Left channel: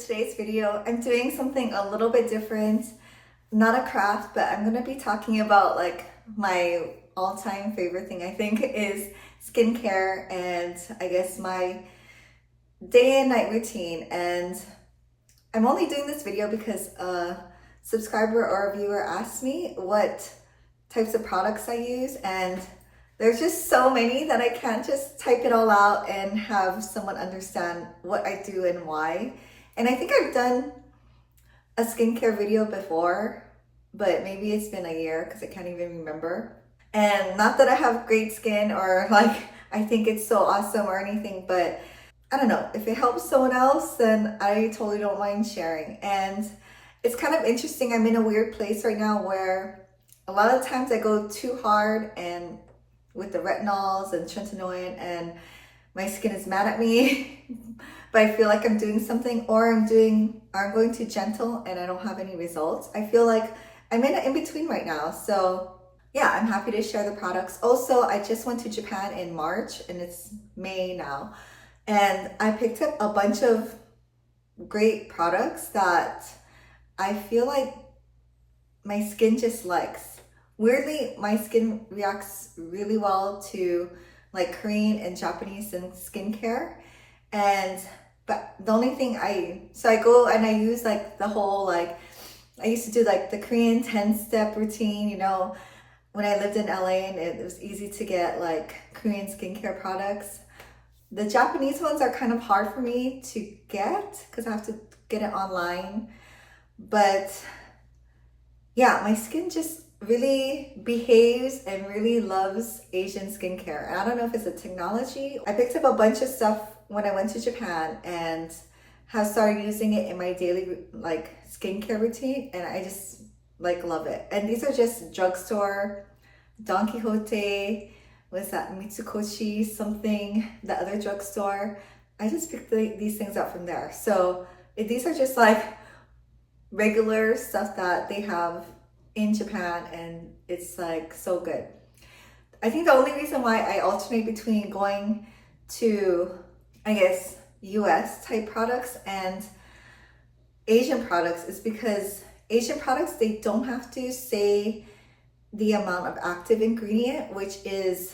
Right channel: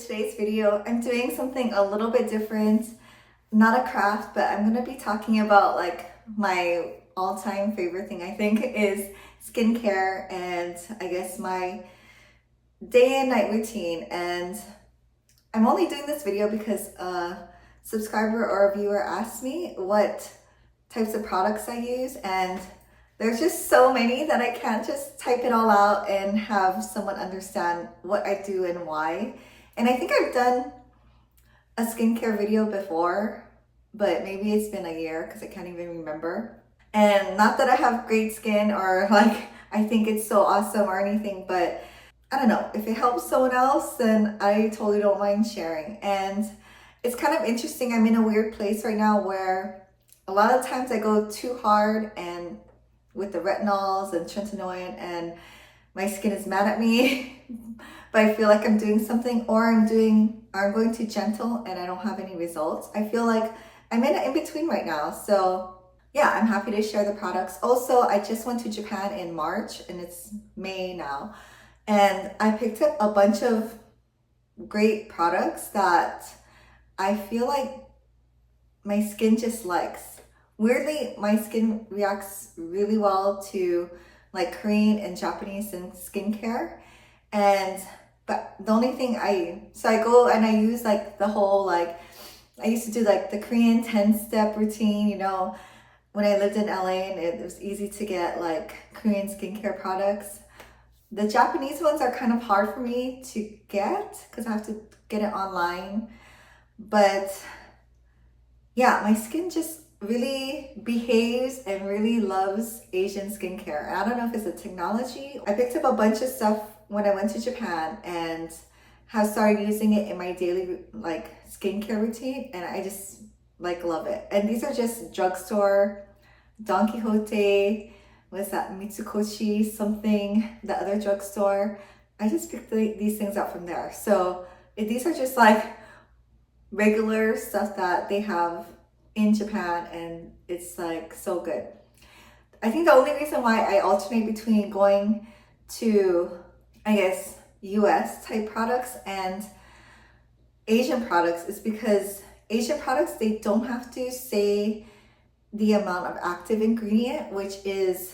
today's video. I'm doing something a little bit different, not a craft, but I'm gonna be talking about like my all-time favorite thing I think is skincare and I guess my day and night routine. And I'm only doing this video because a subscriber or a viewer asked me what types of products I use, and there's just so many that I can't just type it all out and have someone understand what I do and why. And I think I've done a skincare video before, but maybe it's been a year because I can't even remember. And not that I have great skin or like I think it's so awesome or anything, but I don't know, if it helps someone else, then I totally don't mind sharing. And it's kind of interesting. I'm in a weird place right now where a lot of times I go too hard and with the retinols and tretinoin and my skin is mad at me, but I feel like I'm doing something, or I'm going too gentle and I don't have any results. I feel like I'm in an in-between right now. So yeah, I'm happy to share the products. Also, I just went to Japan in March and it's May now. And I picked up a bunch of great products that I feel like my skin just likes. Weirdly, my skin reacts really well to like Korean and Japanese and skincare. But the only thing I go and I use like the whole, like, I used to do like the Korean 10-step routine, you know, when I lived in LA, and it was easy to get like Korean skincare products. The Japanese ones are kind of hard for me to get because I have to get it online. But yeah, my skin just really behaves and really loves Asian skincare. And I don't know if it's a technology. I picked up a bunch of stuff when I went to Japan and have started using it in my daily like skincare routine, and I just like love it. And these are just drugstore, Don Quixote, what's that, Mitsukoshi something, the other drugstore. I just picked these things up from there. So these are just like regular stuff that they have in Japan, and it's like so good. I think the only reason why I alternate between going to, I guess, US type products and Asian products is because Asian products, they don't have to say the amount of active ingredient, which is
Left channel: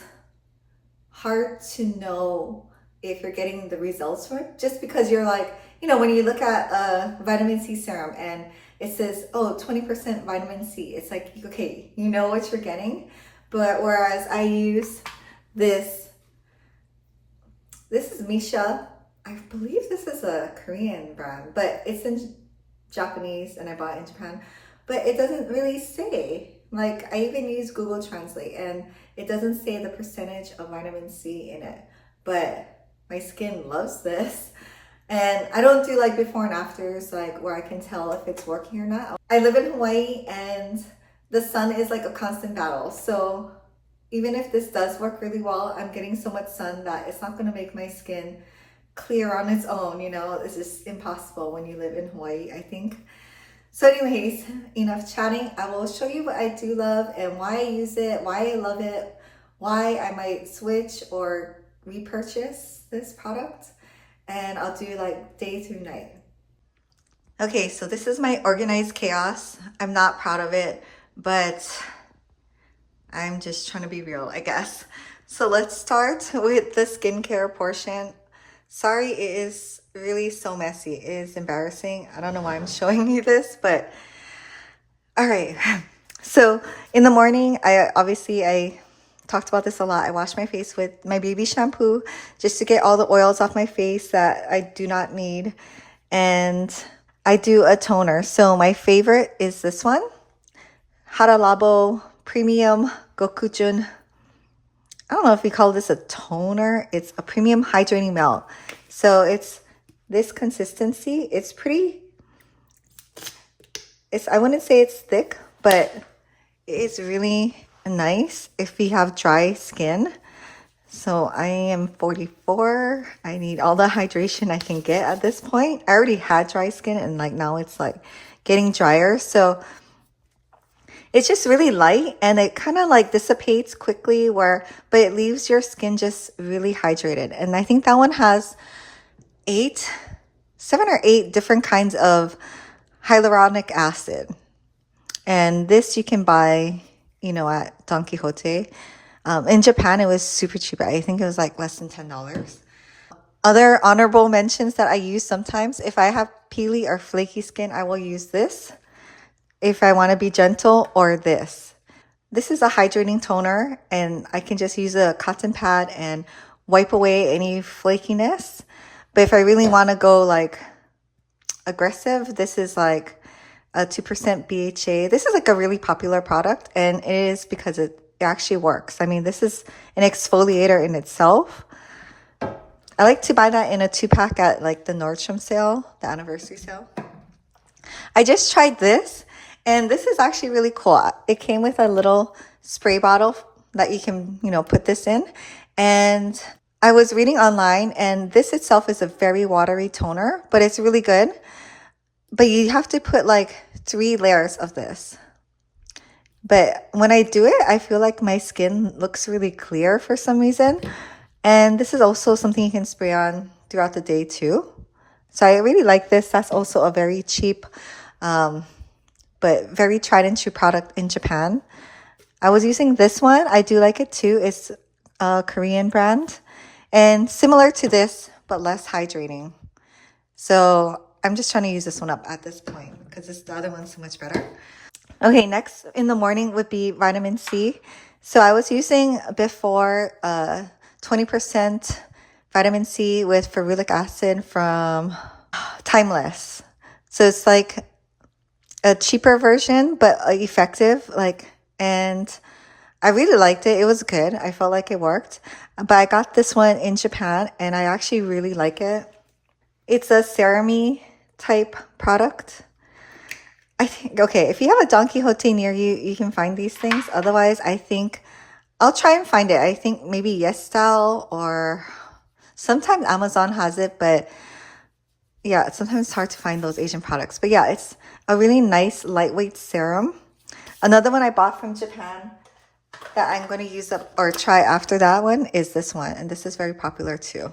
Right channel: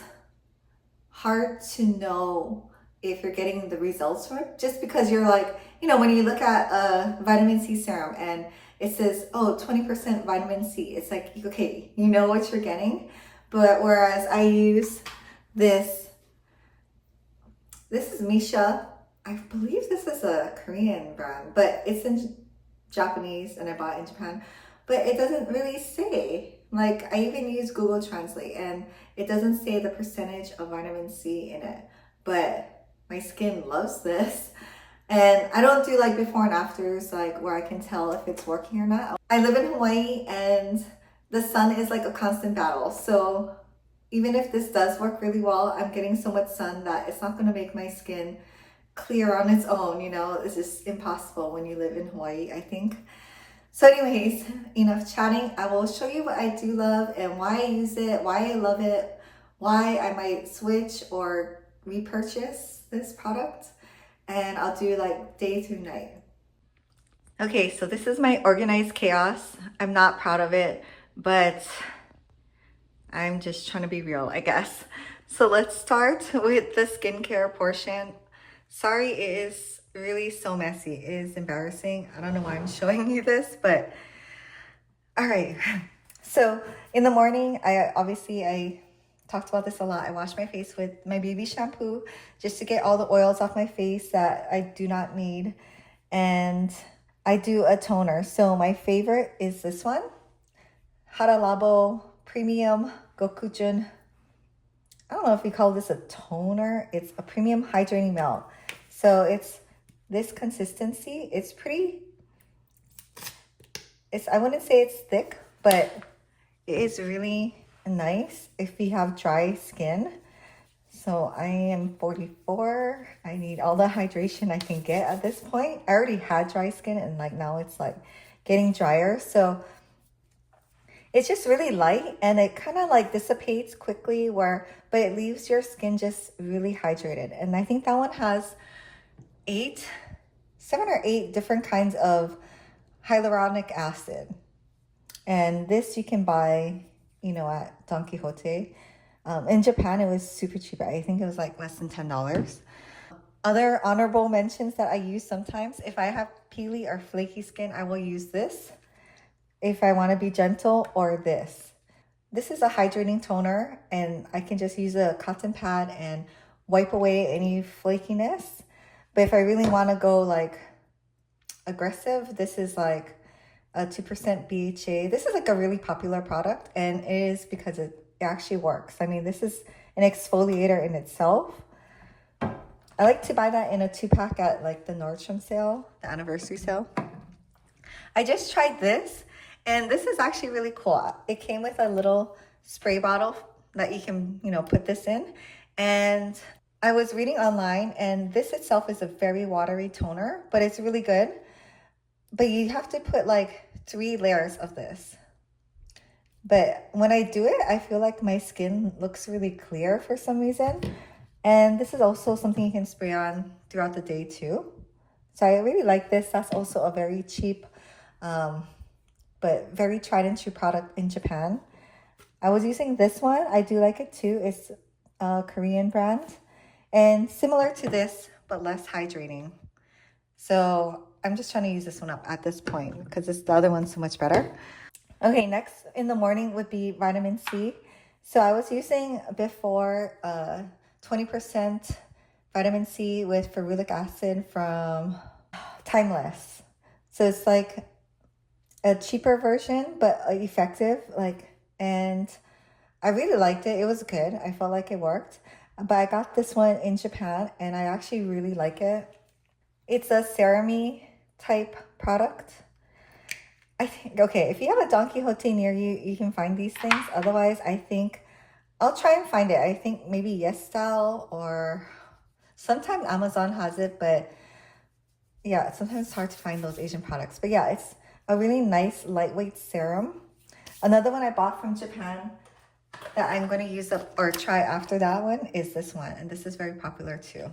hard to know if you're getting the results from it. Just because you're like, you know, when you look at a vitamin C serum and it says, oh, 20% vitamin C, it's like, okay, you know what you're getting. But whereas I use this is Misha. I believe this is a Korean brand, but it's in Japanese and I bought it in Japan. But it doesn't really say, like, I even use Google Translate and it doesn't say the percentage of vitamin C in it. But my skin loves this. And I don't do like before and afters, like where I can tell if it's working or not. I live in Hawaii and the sun is like a constant battle. So even if this does work really well, I'm getting so much sun that it's not gonna make my skin clear on its own, you know. It's just impossible when you live in Hawaii, I think. So anyways, enough chatting. I will show you what I do love and why I use it, why I love it, why I might switch or repurchase this product. And I'll do like day through night. Okay, so this is my organized chaos. I'm not proud of it, but I'm just trying to be real, I guess. So let's start with the skincare portion. Sorry, it is really so messy. It is embarrassing. I don't know why I'm showing you this, but all right. So in the morning, I talked about this a lot. I wash my face with my baby shampoo just to get all the oils off my face that I do not need. And I do a toner. So my favorite is this one, Hada Labo Premium Gokujun. I don't know if we call this a toner. It's a premium hydrating melt. So it's this consistency. It's pretty, I wouldn't say it's thick, but it is really nice if you have dry skin. So I am 44. I need all the hydration I can get at this point. I already had dry skin and like now it's like getting drier. So it's just really light and it kind of like dissipates quickly but it leaves your skin just really hydrated. And I think that one has 8 7 or 8 different kinds of hyaluronic acid. And this you can buy, you know, at Don Quixote. In Japan, it was super cheap. I think it was like less than $10. Other honorable mentions that I use sometimes, if I have peely or flaky skin, I will use this. If I want to be gentle, or this. This is a hydrating toner, and I can just use a cotton pad and wipe away any flakiness. But if I really want to go like aggressive, this is like a 2% BHA. This is like a really popular product, and it is because it actually works. I mean, this is an exfoliator in itself. I like to buy that in a 2-pack at like the Nordstrom sale, the anniversary sale. I just tried this, and this is actually really cool. It came with a little spray bottle that you can, you know, put this in. And I was reading online, and this itself is a very watery toner, but it's really good. But you have to put like 3 layers of this. But when I do it, I feel like my skin looks really clear for some reason. And this is also something you can spray on throughout the day too. So I really like this. That's also a very cheap, but very tried and true product in Japan. I was using this one. I do like it too. It's a Korean brand and similar to this, but less hydrating. So I'm just trying to use this one up at this point because the other one's so much better. Okay, next in the morning would be vitamin C. So I was using before 20% vitamin C with ferulic acid from Timeless. So it's like a cheaper version, but effective. And I really liked it. It was good. I felt like it worked. But I got this one in Japan, and I actually really like it. It's a serum-y type product. I think, okay, if you have a Don Quixote near you, you can find these things. Otherwise, I think I'll try and find it. I think maybe Yes Style, or sometimes Amazon has it, but yeah, sometimes it's hard to find those Asian products. But yeah, it's a really nice lightweight serum. Another one I bought from Japan that I'm going to use up or try after that one is this one, and this is very popular too.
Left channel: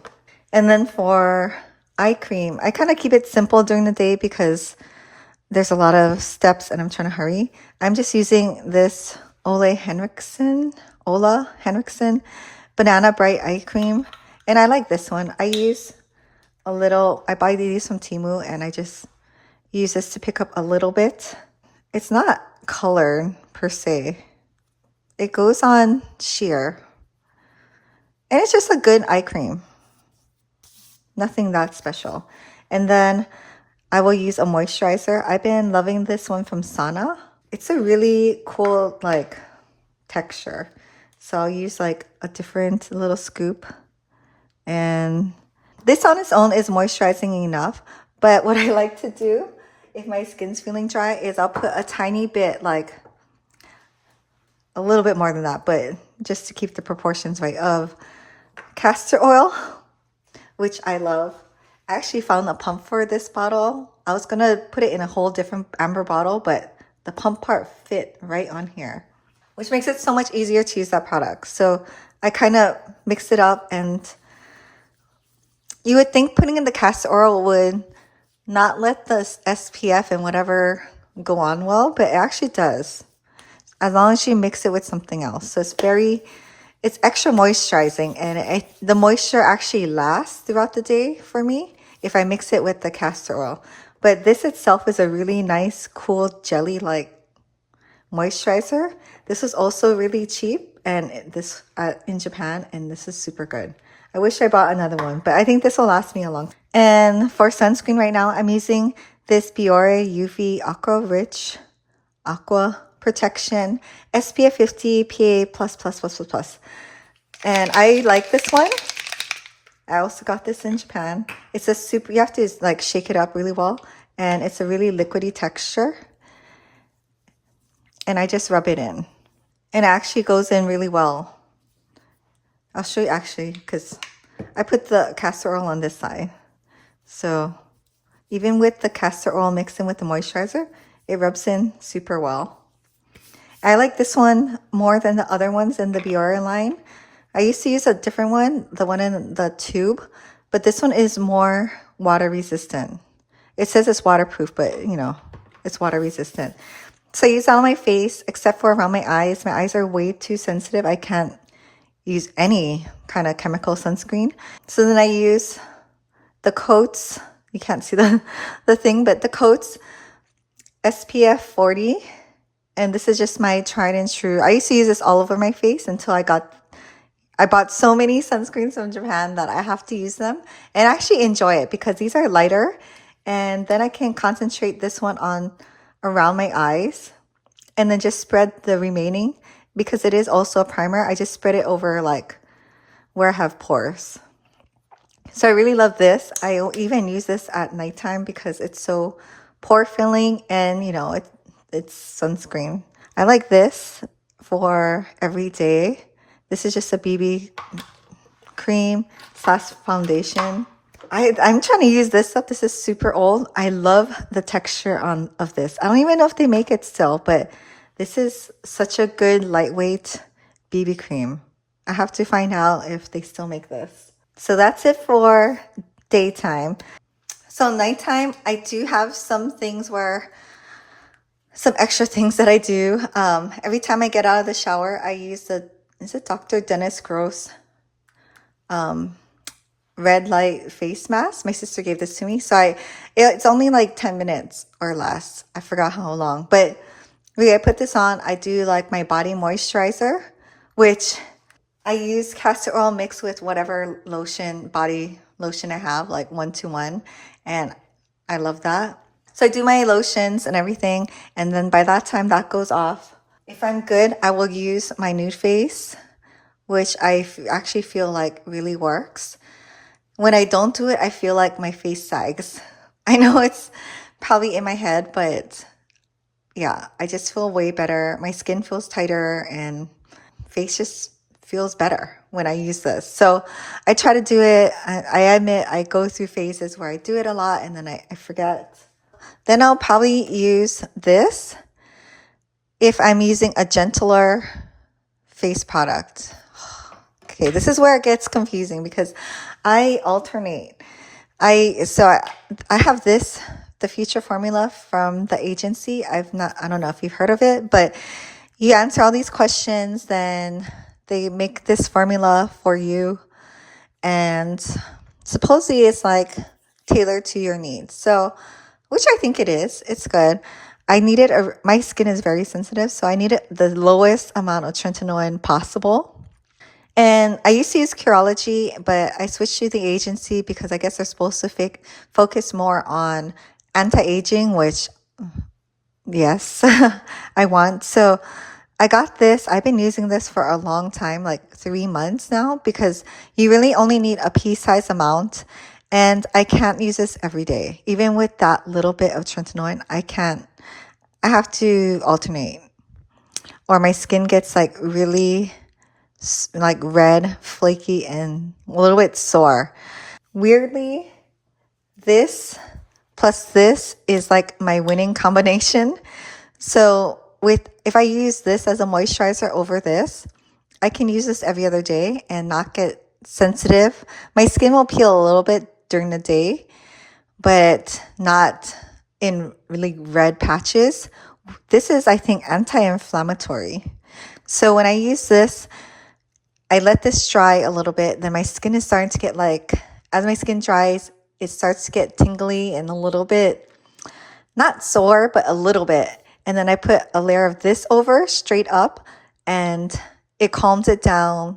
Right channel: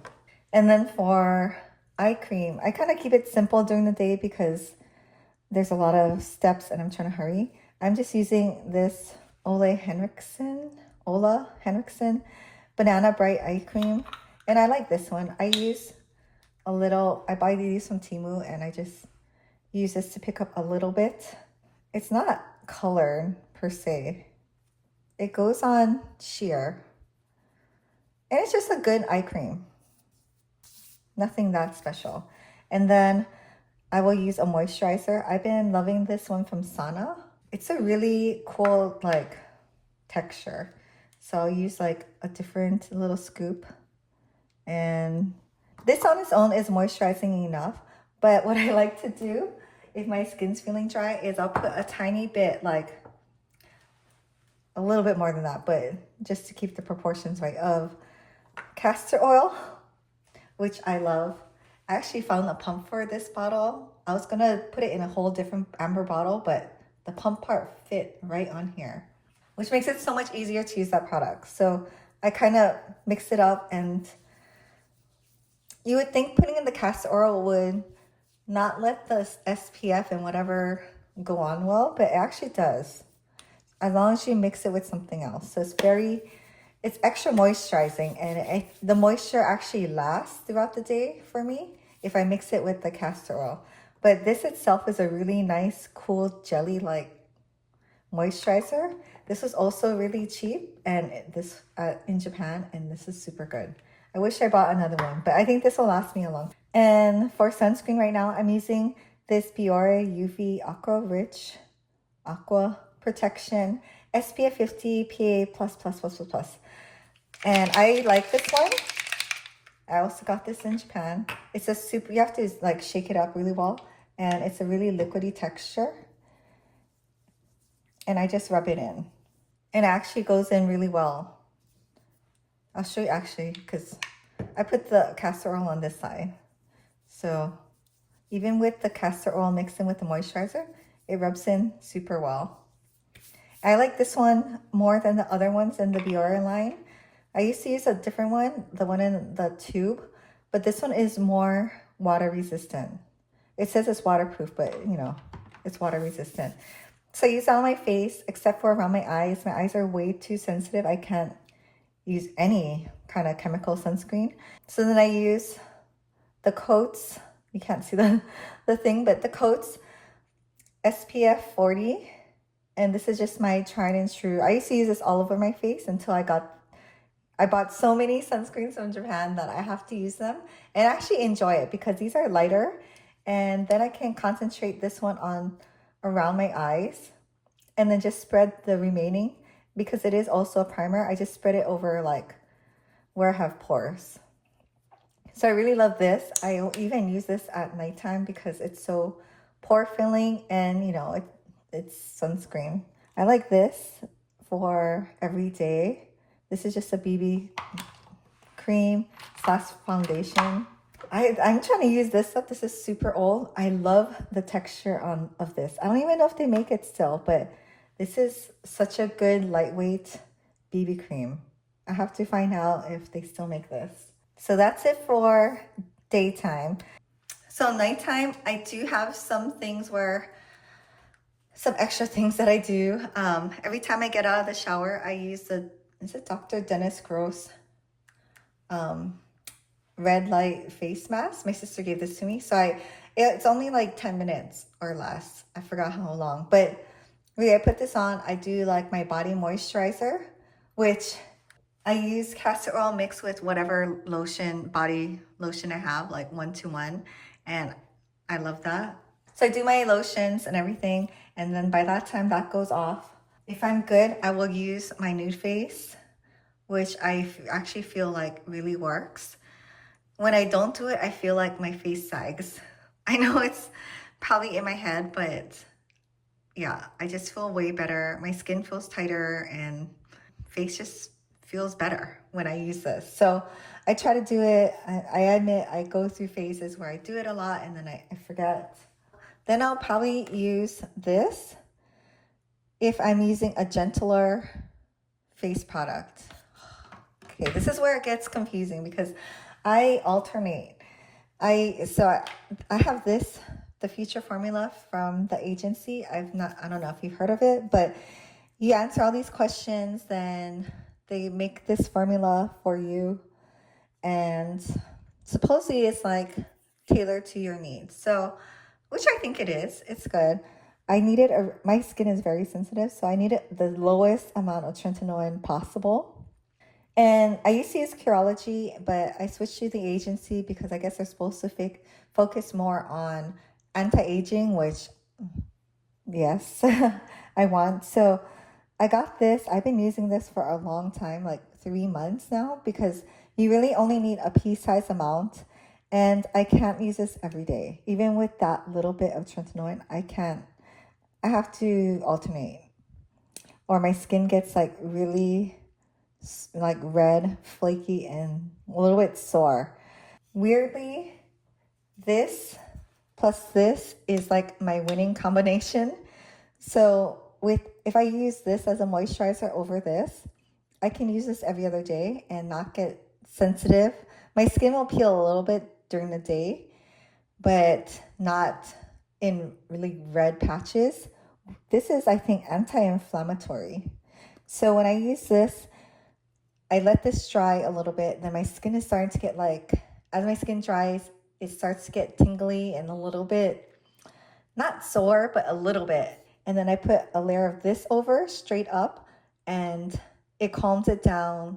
And then for eye cream, I kind of keep it simple during the day because there's a lot of steps and I'm trying to hurry. I'm just using this Ola Henriksen Banana Bright Eye Cream, and I like this one. I use a little, I buy these from Temu, and I just use this to pick up a little bit. It's not colored per se. It goes on sheer, and it's just a good eye cream. Nothing that special. And then I will use a moisturizer. I've been loving this one from Sana. It's a really cool like texture. So I'll use like a different little scoop. And this on its own is moisturizing enough. But what I like to do if my skin's feeling dry is I'll put a tiny bit, like a little bit more than that, but just to keep the proportions right, of castor oil, which I love. I actually found a pump for this bottle. I was gonna put it in a whole different amber bottle, but the pump part fit right on here, which makes it so much easier to use that product. So I kind of mixed it up, and you would think putting in the castor oil would not let the SPF and whatever go on well, but it actually does, as long as you mix it with something else. So it's extra moisturizing, and the moisture actually lasts throughout the day for me if I mix it with the castor oil. But this itself is a really nice, cool, jelly-like moisturizer. This is also really cheap, and this in Japan, and this is super good. I wish I bought another one, but I think this will last me a long time. And for sunscreen right now, I'm using this Biore UV Aqua Rich Aqua Protection SPF 50 PA+++++. And I like this one. I also got this in Japan. It's a super, you have to like shake it up really well, and it's a really liquidy texture. And I just rub it in, and it actually goes in really well. I'll show you actually, because I put the castor oil on this side. So even with the castor oil mixed in with the moisturizer, it rubs in super well. I like this one more than the other ones in the Biore line. I used to use a different one, the one in the tube, but this one is more water resistant. It says it's waterproof, but you know, it's water resistant. So I use that on my face, except for around my eyes. My eyes are way too sensitive. I can't use any kind of chemical sunscreen. So then I use the Coats. You can't see the thing, but the Coats SPF 40. And this is just my tried and true. I used to use this all over my face until I bought so many sunscreens from Japan that I have to use them and actually enjoy it because these are lighter, and then I can concentrate this one on around my eyes and then just spread the remaining, because it is also a primer. I just spread it over like where I have pores. So I really love this. I even use this at nighttime because it's so pore filling, and you know, it's sunscreen. I like this for every day. This is just a BB cream slash foundation. I'm trying to use this up. This is super old. I love the texture of this. I don't even know if they make it still, but this is such a good lightweight BB cream. I have to find out if they still make this. So that's it for daytime. So nighttime, I do have some extra things that I do. Every time I get out of the shower, I use is it Dr. Dennis Gross red light face mask. My sister gave this to me. So it's only like 10 minutes or less. I forgot how long, but really I put this on. I do like my body moisturizer, which I use castor oil mixed with whatever body lotion I have, like 1-to-1. And I love that. So I do my lotions and everything. And then by that time that goes off. If I'm good, I will use my Nude Face, which I actually feel like really works. When I don't do it, I feel like my face sags. I know it's probably in my head, but yeah, I just feel way better. My skin feels tighter and face just feels better when I use this. So I try to do it. I admit I go through phases where I do it a lot and then I forget. Then I'll probably use this if I'm using a gentler face product. Okay, this is where it gets confusing because I alternate. I have this, the Future Formula from the agency. I don't know if you've heard of it, but you answer all these questions, then they make this formula for you, and supposedly it's like tailored to your needs. So, which I think it is. It's good. My skin is very sensitive, so I needed the lowest amount of tretinoin possible. And I used to use Curology, but I switched to the agency because I guess they're supposed to focus more on anti-aging, which, yes, I want. So I got this. I've been using this for a long time, like 3 months now, because you really only need a pea-sized amount. And I can't use this every day. Even with that little bit of tretinoin, I can't. I have to alternate. Or my skin gets like really like red, flaky, and a little bit sore. Weirdly, this plus this is like my winning combination. So if I use this as a moisturizer over this, I can use this every other day and not get sensitive. My skin will peel a little bit during the day, but not in really red patches. This is, I think, anti-inflammatory. So when I use this, I let this dry a little bit. Then my skin is starting to get as my skin dries, it starts to get tingly and a little bit, not sore, but a little bit. And then I put a layer of this over straight up and it calms it down.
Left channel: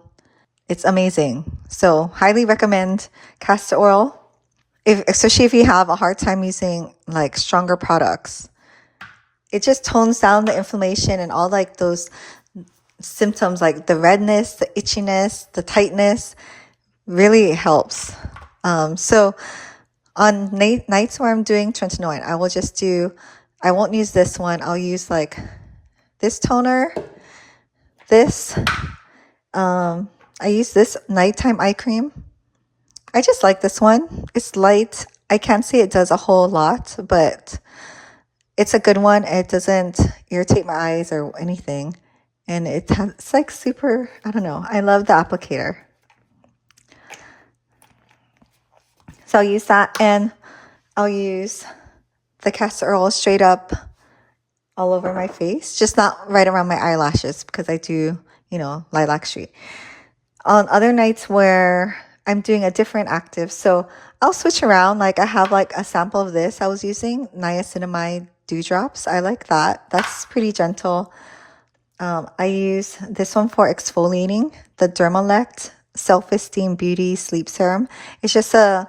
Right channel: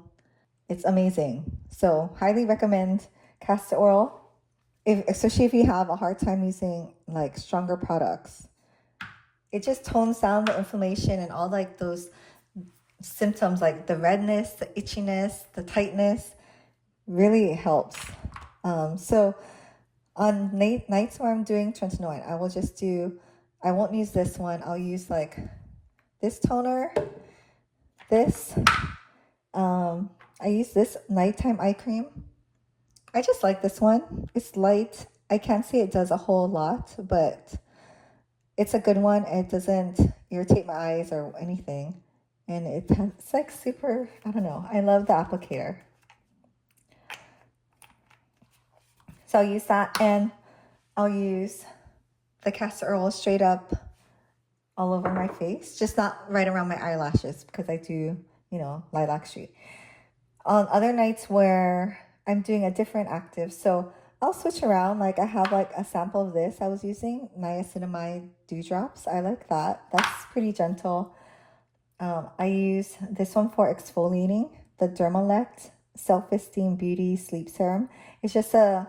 It's amazing. So highly recommend castor oil, especially if you have a hard time using like stronger products. It just tones down the inflammation and all like those symptoms like the redness, the itchiness, the tightness. Really helps. So on nights where I'm doing tretinoin, I won't use this one. I'll use like this toner, this. I use this nighttime eye cream. I just like this one. It's light. I can't say it does a whole lot, but it's a good one. It doesn't irritate my eyes or anything. And it's like super, I don't know. I love the applicator. So I'll use that, and I'll use the castor oil straight up all over my face, just not right around my eyelashes because I do, you know, lilac street. On other nights where I'm doing a different active, so I'll switch around. Like I have like a sample of this I was using, niacinamide dewdrops. I like that. That's pretty gentle. I use this one for exfoliating, the Dermalect Self-Esteem Beauty Sleep Serum. It's just a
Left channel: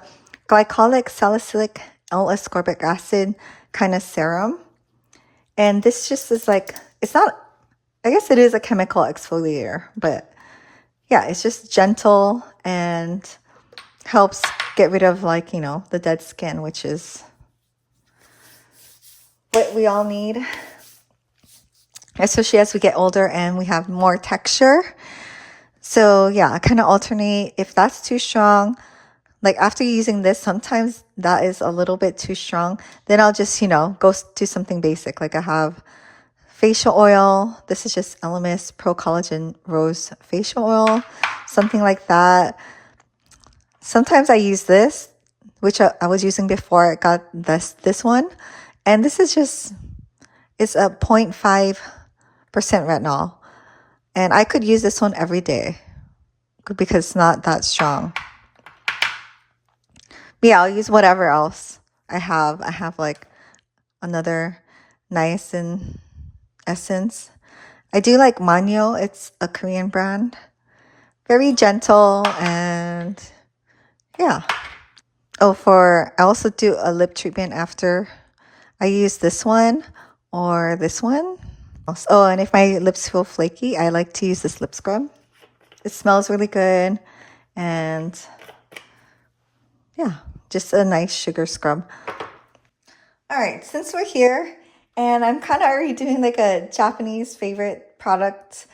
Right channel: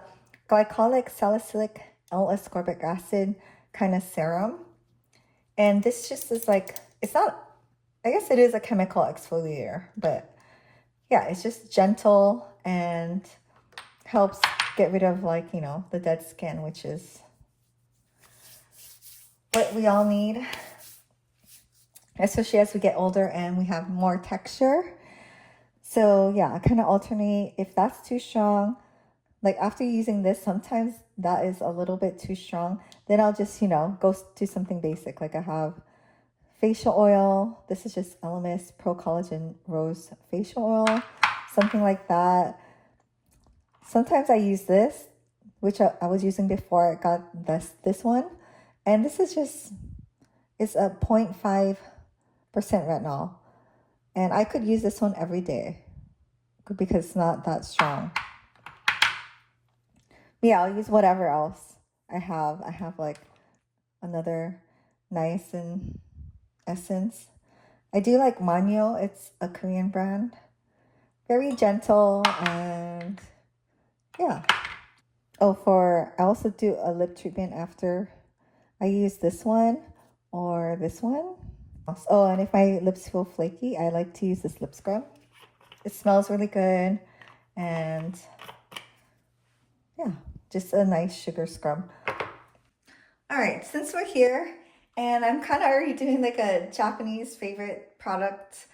glycolic salicylic L-ascorbic acid kind of serum. And this just is like, it's not, I guess it is a chemical exfoliator, but yeah, it's just gentle and helps get rid of, like, you know, the dead skin, which is what we all need, especially as we get older and we have more texture. So yeah, I kind of alternate. If that's too strong, like after using this, sometimes that is a little bit too strong, then I'll just, you know, go do something basic. Like I have facial oil. This is just Elemis Pro Collagen Rose Facial Oil, something like that. Sometimes I use this, which I was using before I got this one. And this is just, it's a 0.5% retinol. And I could use this one every day because it's not that strong. But yeah, I'll use whatever else I have. I have like another niacin essence. I do like Manyo. It's a Korean brand. Very gentle and yeah. Oh, I also do a lip treatment after. I use this one or this one. Oh, and if my lips feel flaky, I like to use this lip scrub. It smells really good, and yeah, just a nice sugar scrub. All right, since we're here, and I'm kind of already doing like a Japanese favorite product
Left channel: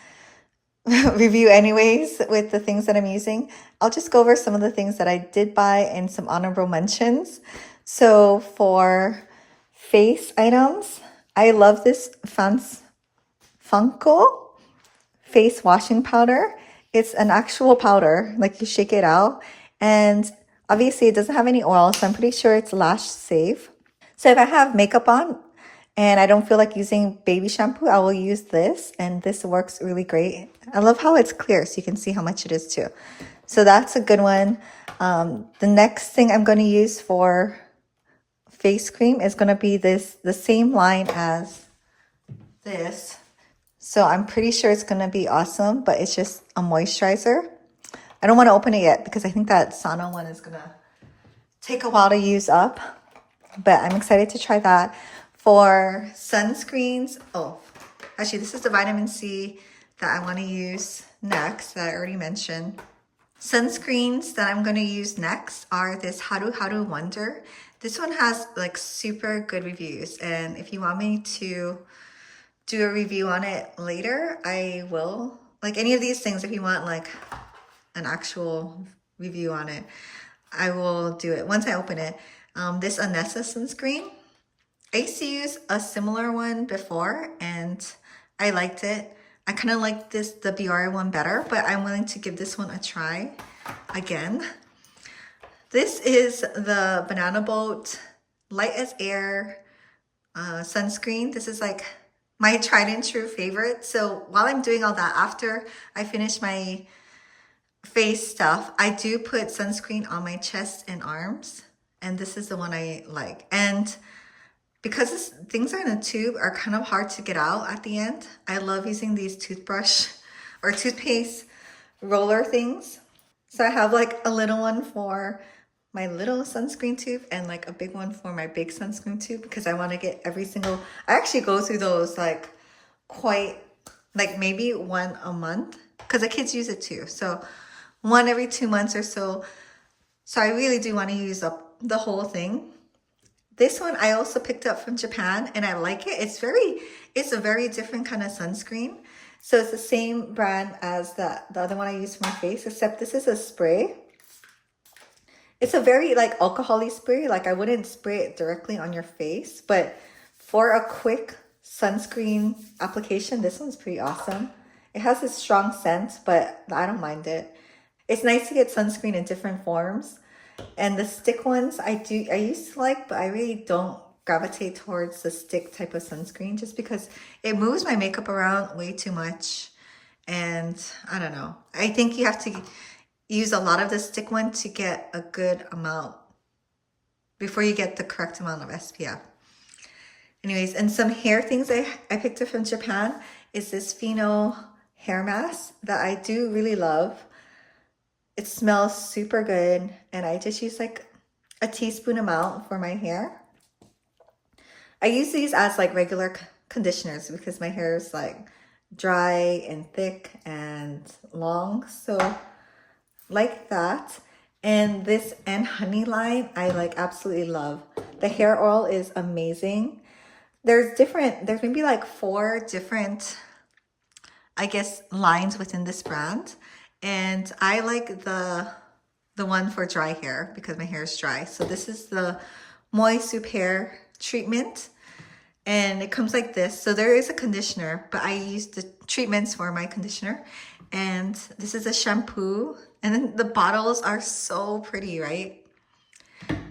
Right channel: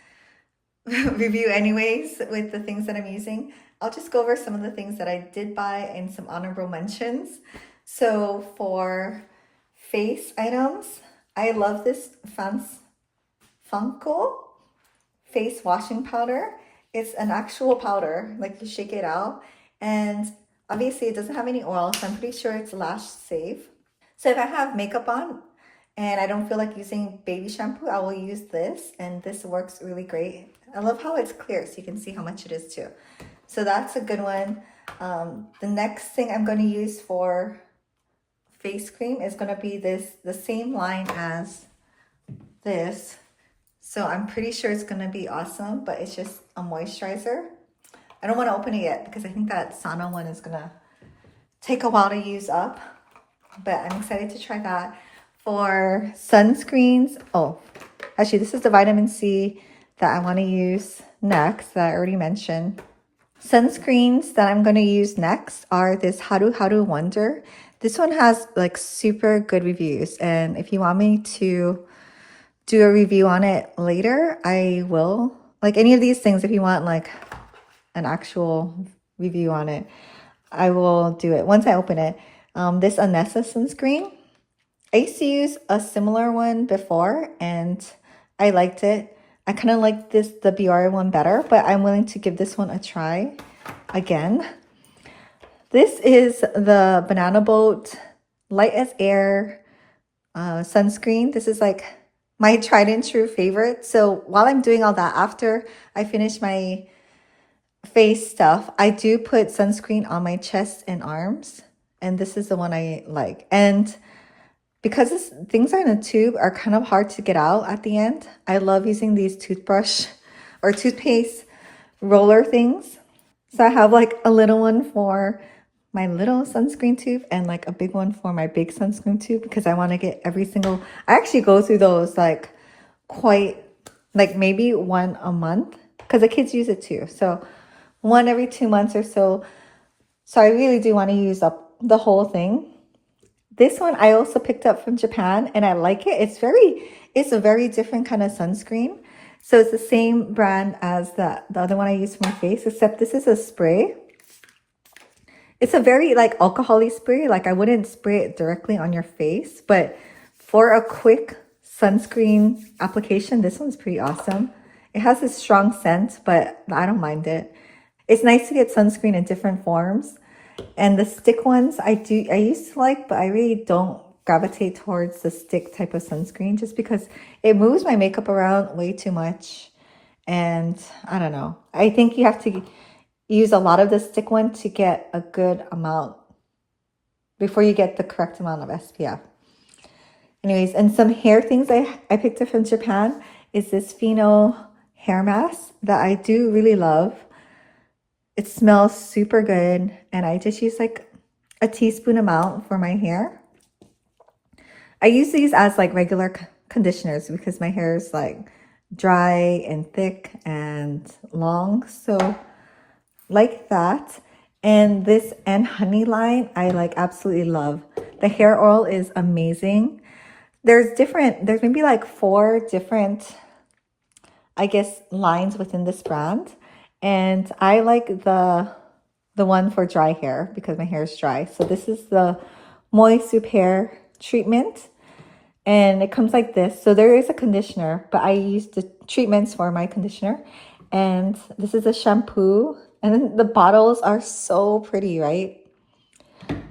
review anyways with the things that I'm using, I'll just go over some of the things that I did buy and some honorable mentions. So for face items, I love this Funko face washing powder. It's an actual powder, like you shake it out, and obviously it doesn't have any oil, so I'm pretty sure it's lash safe. So if I have makeup on and I don't feel like using baby shampoo, I will use this, and this works really great. I love how it's clear, so you can see how much it is too. So that's a good one. The next thing I'm going to use for face cream is going to be the same line as this. So I'm pretty sure it's going to be awesome, but it's just a moisturizer. I don't want to open it yet because I think that Sana one is going to take a while to use up, but I'm excited to try that. For sunscreens, oh, actually this is the vitamin C that I want to use next that I already mentioned. Sunscreens that I'm going to use next are this Haru Haru Wonder. This one has like super good reviews, and if you want me to do a review on it later, I will. Like any of these things, if you want like an actual review on it, I will do it once I open it. This Anessa sunscreen, I used to use a similar one before and I liked it. I kind of like the Biore one better, but I'm willing to give this one a try again. This is the Banana Boat Light as Air sunscreen. This is like my tried and true favorite. So while I'm doing all that, after I finish my face stuff, I do put sunscreen on my chest and arms. And this is the one I like. And because things are in a tube are kind of hard to get out at the end, I love using these toothbrush or toothpaste roller things. So I have like a little one for my little sunscreen tube and like a big one for my big sunscreen tube because I want to get every single, I actually go through those like quite, like maybe one a month because the kids use it too. So one every 2 months or so. So I really do want to use up the whole thing. This one I also picked up from Japan and I like it. It's a very different kind of sunscreen. So it's the same brand as the other one I use for my face, except this is a spray. It's a very like alcohol-y spray. Like I wouldn't spray it directly on your face, but for a quick sunscreen application, this one's pretty awesome. It has a strong scent, but I don't mind it. It's nice to get sunscreen in different forms. And the stick ones I used to like, but I really don't gravitate towards the stick type of sunscreen just because it moves my makeup around way too much. And I don't know. I think you have to use a lot of the stick one to get a good amount before you get the correct amount of SPF. Anyways, and some hair things I picked up from Japan is this Pheno hair mask that I do really love. It smells super good, and I just use like a teaspoon amount for my hair. I use these as like regular conditioners because my hair is like dry and thick and long, so like that. And this and honey line I like absolutely love. The hair oil is amazing. There's maybe like 4 different, I guess, lines within this brand. And I like the one for dry hair because my hair is dry. So this is the Moist Soup Hair Treatment. And it comes like this. So there is a conditioner, but I use the treatments for my conditioner. And this is a shampoo. And then the bottles are so pretty, right?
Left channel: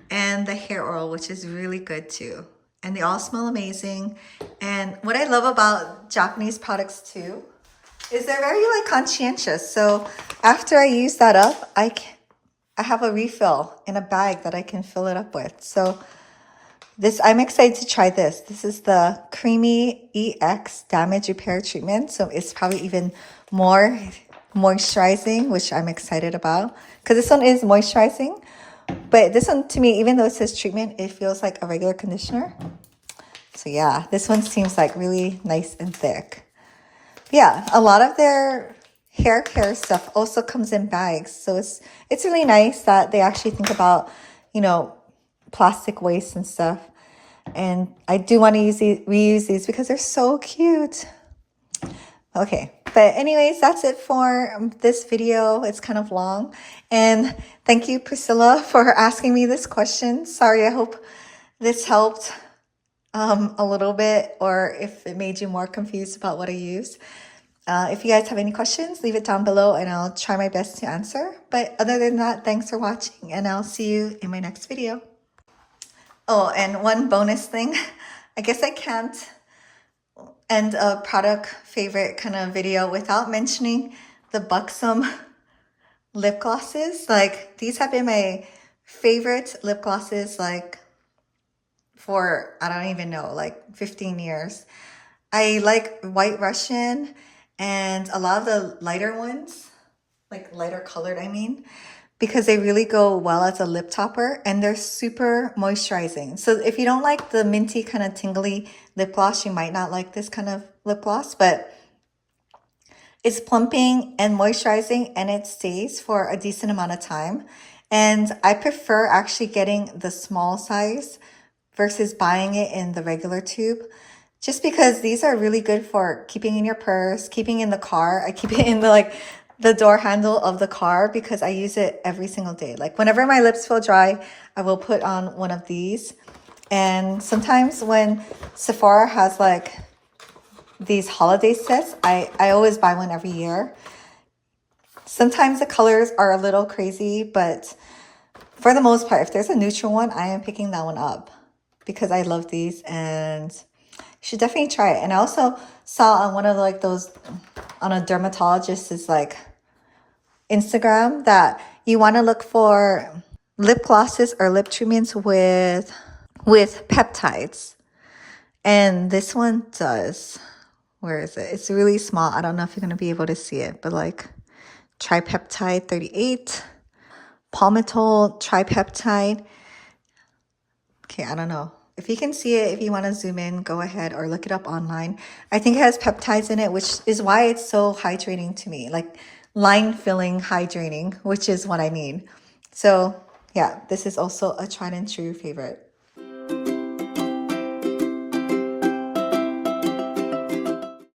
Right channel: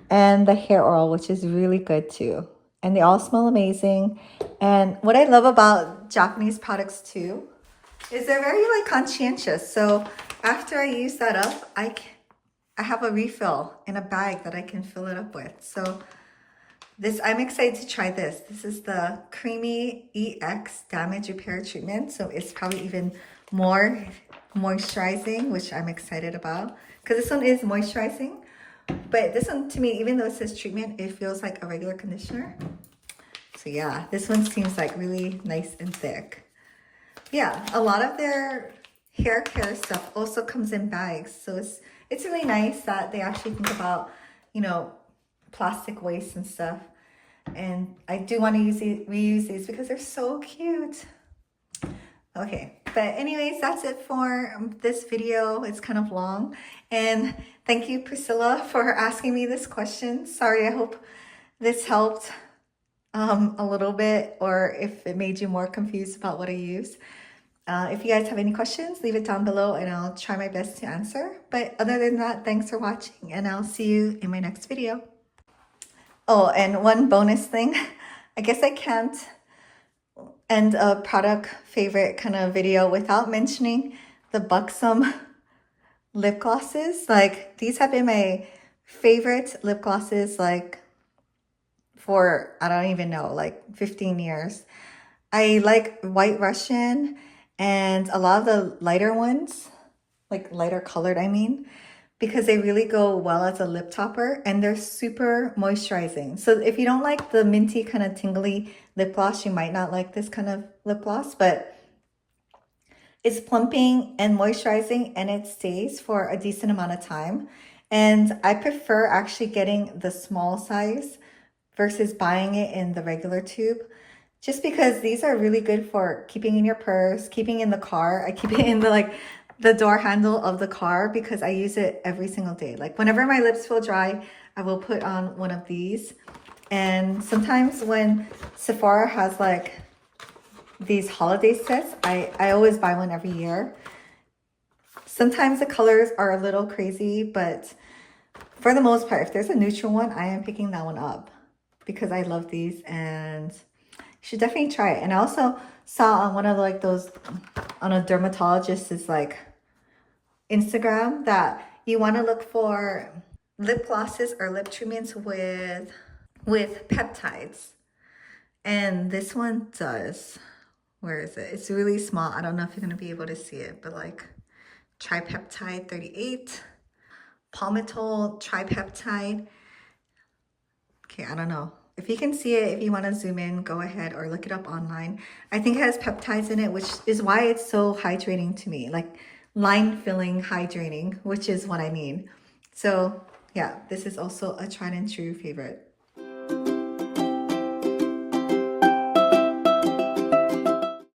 And the hair oil, which is really good too. And they all smell amazing. And what I love about Japanese products too is they're very like conscientious. So after I use that up, I have a refill in a bag that I can fill it up with. So I'm excited to try this. This is the Creamy EX Damage Repair Treatment. So it's probably even more moisturizing, which I'm excited about. Because this one is moisturizing. But this one, to me, even though it says treatment, it feels like a regular conditioner. So yeah, this one seems like really nice and thick. Yeah, a lot of their hair care stuff also comes in bags. So it's really nice that they actually think about, you know, plastic waste and stuff. And I do want to reuse these because they're so cute. Okay, but anyways, that's it for this video. It's kind of long. And thank you, Priscilla, for asking me this question. Sorry, I hope this helped a little bit, or if it made you more confused about what I use. If you guys have any questions, leave it down below and I'll try my best to answer. But other than that, thanks for watching and I'll see you in my next video. Oh, and one bonus thing, I guess I can't end a product favorite kind of video without mentioning the Buxom lip glosses. Like, these have been my favorite lip glosses like for, I don't even know, like 15 years. I like White Russian and a lot of the lighter ones, like lighter colored, I mean, because they really go well as a lip topper and they're super moisturizing. So if you don't like the minty kind of tingly lip gloss, you might not like this kind of lip gloss, but it's plumping and moisturizing and it stays for a decent amount of time. And I prefer actually getting the small size versus buying it in the regular tube, just because these are really good for keeping in your purse, keeping in the car. I keep it in the door handle of the car because I use it every single day. Like whenever my lips feel dry, I will put on one of these. And sometimes when Sephora has like these holiday sets, I always buy one every year. Sometimes the colors are a little crazy, but for the most part, if there's a neutral one, I am picking that one up because I love these and you should definitely try it. And I also saw on one of like those, on a dermatologist's like Instagram, that you want to look for lip glosses or lip treatments with peptides. And this one does. Where is it? It's really small. I don't know if you're going to be able to see it, but like Tripeptide 38, Palmitol Tripeptide. Okay, I don't know. If you can see it, if you want to zoom in, go ahead or look it up online. I think it has peptides in it, which is why it's so hydrating to me. Like line-filling hydrating, which is what I need. So yeah, this is also a tried and true favorite.